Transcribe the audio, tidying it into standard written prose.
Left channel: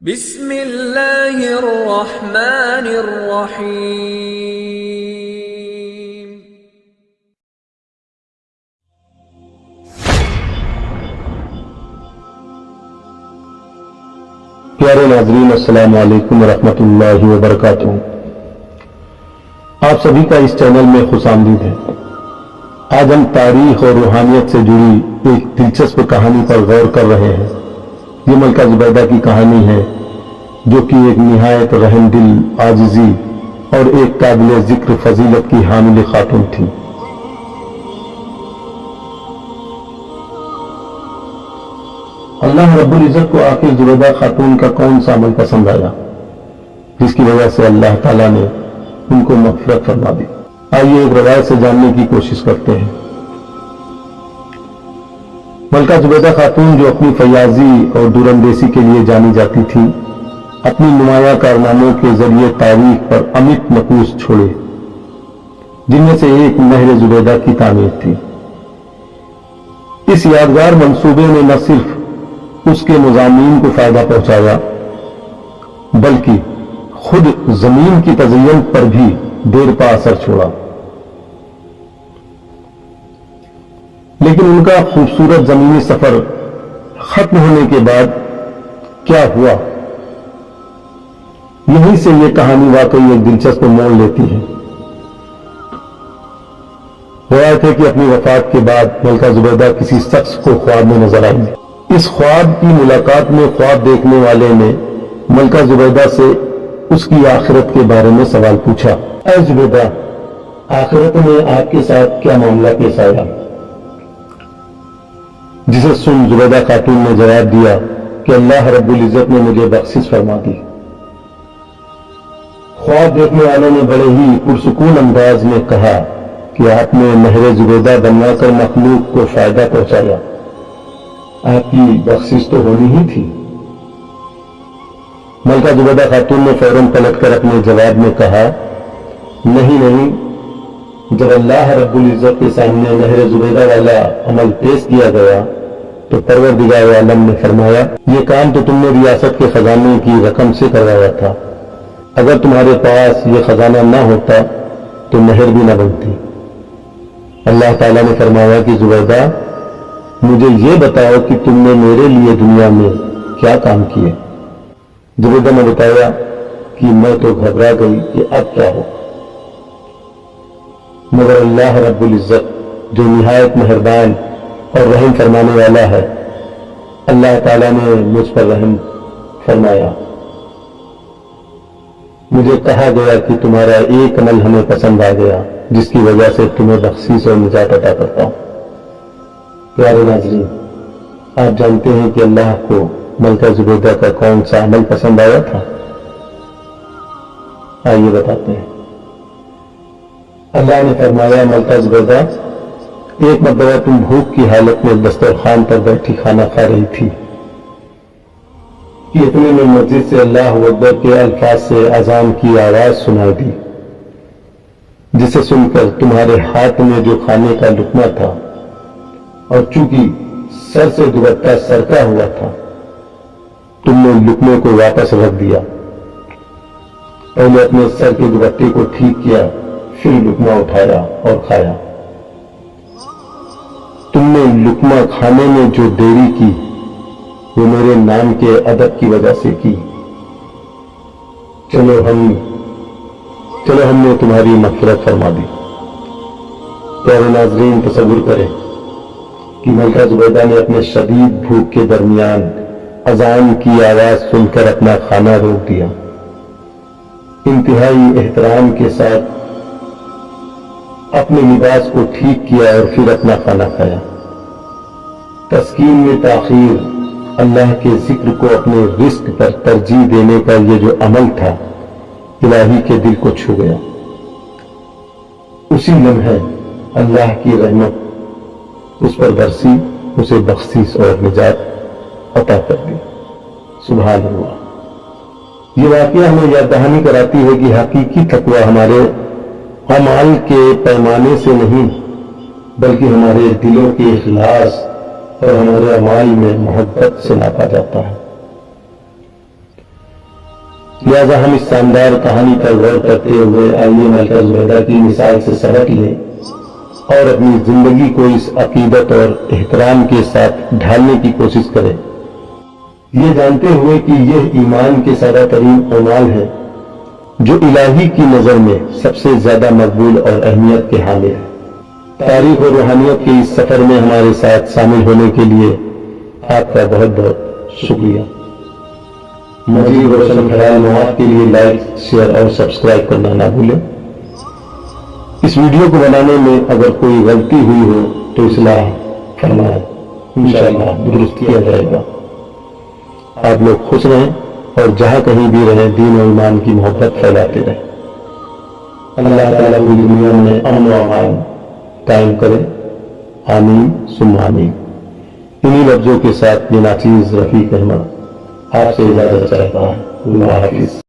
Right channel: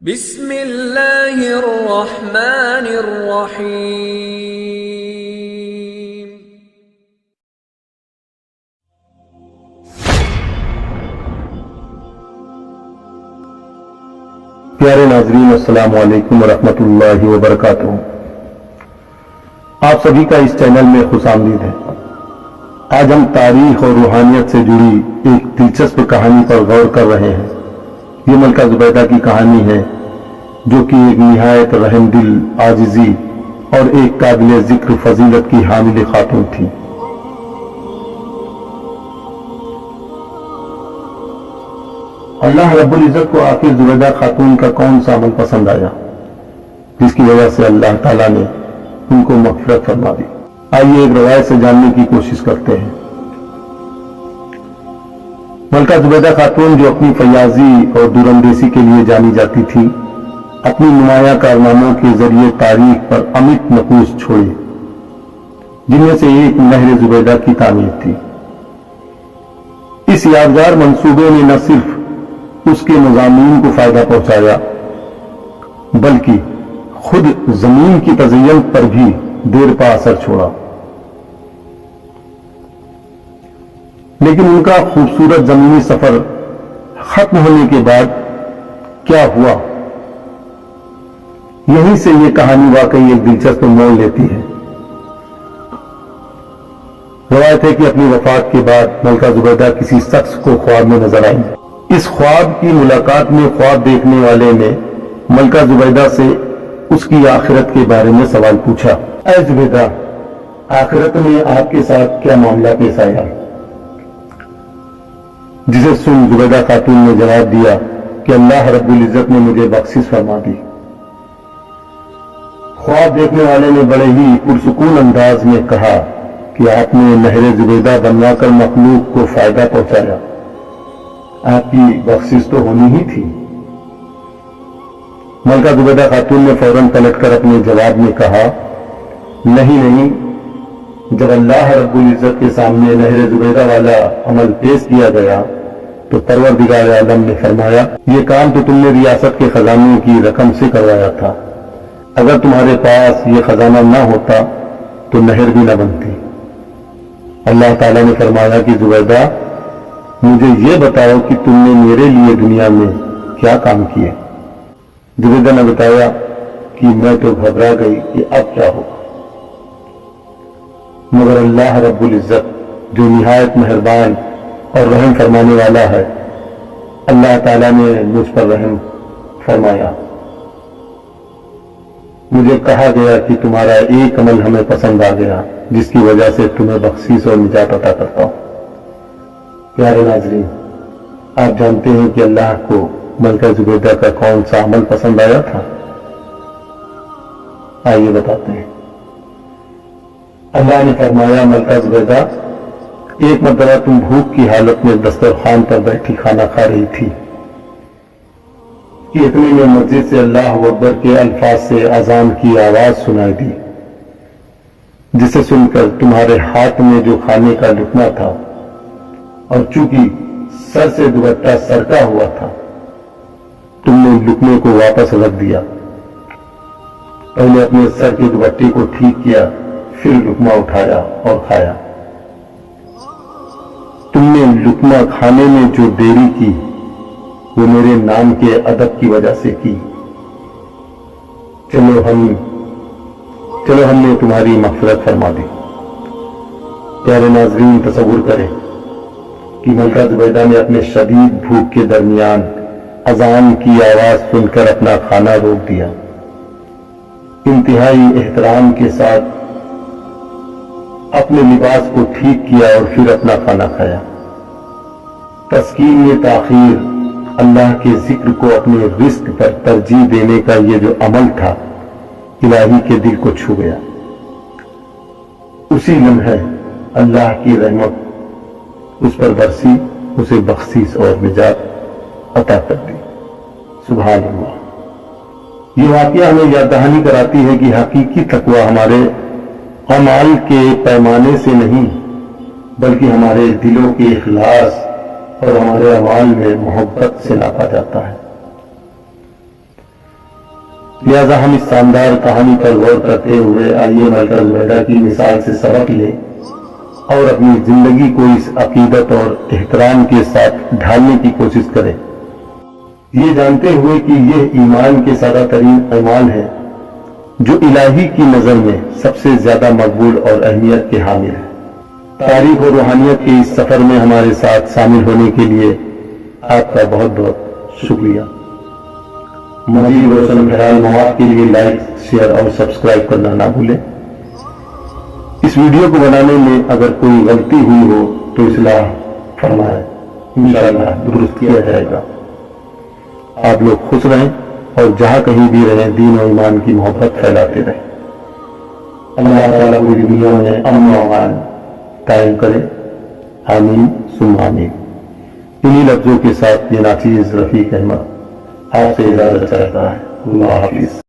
بسم اللہ الرحمن الرحیم۔ پیارے ناظرین، السلام علیکم ورحمۃ اللہ وبرکاتہ۔ آپ سبھی کا اس چینل میں خوش آمدید ہے۔ آج ہم تاریخ اور روحانیت سے جڑی ایک دلچسپ کہانی پر غور کر رہے ہیں۔ یہ ملکہ زبیدہ کی کہانی ہے، جو کہ ایک نہایت رحم دل، عاجزی اور ایک قابل ذکر فضیلت کی حامل خاتون تھی۔ اللہ رب العزت کو آخر زبیدہ خاتون کا کون سا عمل پسند آیا جس کی وجہ سے اللہ تعالیٰ نے ان کو مغفرت فرما دی؟ آئیے ایک روایت سے جاننے کی کوشش کرتے ہیں۔ ملکہ زبیدہ خاتون، جو اپنی فیاضی اور دوراندیشی کے لیے جانی جاتی تھی، اپنی نمایاں کارناموں کے ذریعے تاریخ پر امت نقوش چھوڑے، جن میں سے ایک نہر زبیدہ کی تعمیر تھی۔ اس یادگار منصوبے نے نہ صرف اس کے مضامین کو فائدہ پہنچایا، بلکہ خود زمین کی تزئین پر بھی دیر پا اثر چھوڑا۔ لیکن ان کا خوبصورت زمینی سفر ختم ہونے کے بعد کیا ہوا، یہیں سے یہ کہانی واقعی ایک دلچسپ موڑ لیتی ہے۔ روایت ہے کہ اپنی وفات کے بعد ملکہ زبیدہ کسی شخص کو خواب میں نظر آئی۔ اس خواب کی ملاقات میں خواب دیکھنے والے نے ملکہ زبیدہ سے اس کی آخرت کے بارے میں سوال پوچھا۔ اے زبیدہ، آخرت میں آپ کے ساتھ کیا معاملہ پیش آیا؟ جسے سن زبیدہ خاتون نے جواب دیا کہ اللہ رب العزت نے مجھے بخشش فرما دی۔ خواب دیکھنے والے نے بڑے ہی پرسکون انداز میں کہا کہ آپ نے نہر زبیدہ بنوا کر مخلوق کو فائدہ پہنچایا، آپ کی بخشش تو ہونی ہی تھی۔ ملکہ زبیدہ خاتون نے فوراً پلٹ کر اپنے جواب میں کہا، نہیں، جب اللہ رب العزت کے سامنے نہر زبیدہ والا عمل پیش کیا گیا تو پروردگار عالم نے فرمایا، یہ کام تو تم نے ریاست کے خزانے کی رقم سے کروایا تھا، اگر تمہارے پاس یہ خزانہ نہ ہوتا تو نہر بھی نہ بنتی۔ اللہ تعالیٰ نے فرمایا کہ زبیدہ، مجھے یہ بتاؤ کہ تم نے میرے لیے دنیا میں کیا کام کیے؟ زبیدہ نے بتایا کہ میں تو گھبرا گئی کہ اب کیا ہو، مگر اللہ رب العزت جو نہایت مہربان اور رحم فرمانے والا ہے، اللہ تعالیٰ نے مجھ پر رحم فرمایا۔ مجھے کہا گیا کہ تمہارا ایک عمل ہمیں پسند آ گیا، جس کی وجہ سے تمہیں بخشش اور نجات عطا کرتا ہوں۔ پیارے ناظرین، آپ جانتے ہیں کہ اللہ کو ملکہ زبیدہ کا کون سا عمل پسند آیا تھا؟ آئیے بتاتے ہیں۔ اللہ نے فرمایا، ملکہ زبیدہ، ایک مرتبہ تم بھوک کی حالت میں دسترخوان پر بیٹھی کھانا کھا رہی تھی کہ اتنے میں مسجد سے اللہ اکبر کے الفاظ سے اذان کی آواز سنائی دی، جسے سن کر تمہارے ہاتھ میں جو کھانے کا لقمہ تھا، اور چونکہ سر سے دوپٹہ سرکا ہوا تھا، تم نے لقمے کو واپس رکھ دیا۔ پہلے اپنے سر کے دوپٹے کو ٹھیک کیا، پھر لقمہ اٹھایا اور کھایا۔ تم نے لقمہ کھانے میں جو دیری کی وہ میرے نام کے ادب کی وجہ سے کی۔ چلو ہم نے تمہاری مغفرت فرما دی۔ پیارے ناظرین، تصور کریں کہ ملکہ زبیدہ نے اپنے شدید بھوک کے درمیان اذان کی آواز سن کر اپنا کھانا روک دیا، انتہائی احترام کے ساتھ اپنے لباس کو ٹھیک کیا اور پھر اپنا کھانا کھایا۔ تسکین میں تاخیر، اللہ کے ذکر کو اپنے رزق پر ترجیح دینے کا یہ جو عمل تھا، الہی کے دل کو چھو گیا۔ اسی لمحے اللہ کی رحمت اس پر برسی، اسے بخشش اور نجات عطا کر دی۔ سبحان اللہ۔ یہ واقعہ ہمیں یاد دہانی کراتی ہے کہ حقیقی تقوی ہمارے اعمال کے پیمانے سے نہیں، بلکہ ہمارے دلوں کے اخلاص اور ہمارے اعمال میں محبت سے ناپا جاتا ہے۔ لہذا ہم اس شاندار کہانی پر غور کرتے ہوئے آئیے ملکہ زبیدہ کی مثال سے سبق لیں اور اپنی زندگی کو اس عقیدت اور احترام کے ساتھ ڈھالنے کی کوشش کریں، یہ جانتے ہوئے کہ یہ ایمان کے سادہ ترین اعمال ہیں جو الہی کی نظر میں سب سے زیادہ مقبول اور اہمیت کے حامل ہیں۔ تاریخ اور روحانیت کے اس سفر میں ہمارے ساتھ شامل ہونے کے لیے آپ کا بہت بہت شکریہ۔ مزید روشن خیال مواد کے لیے لائک، شیئر اور سبسکرائب کرنا نہ بھولیں۔ اس ویڈیو کو بنانے میں اگر کوئی غلطی ہوئی ہو تو اصلاح فرمائیں، انشاءاللہ درست کیا جائے گا۔ آپ لوگ خوش رہیں اور جہاں کہیں بھی رہیں دین و ایمان کی محبت پھیلاتے رہیں۔ اللہ تعالیٰ پوری دنیا میں امن و امان قائم کرے، آمین ثم آمین۔ انہی لفظوں کے ساتھ یہ ناچیز رفیق احمد آپ سے اجازت چاہتا ہے۔ اللہ حافظ۔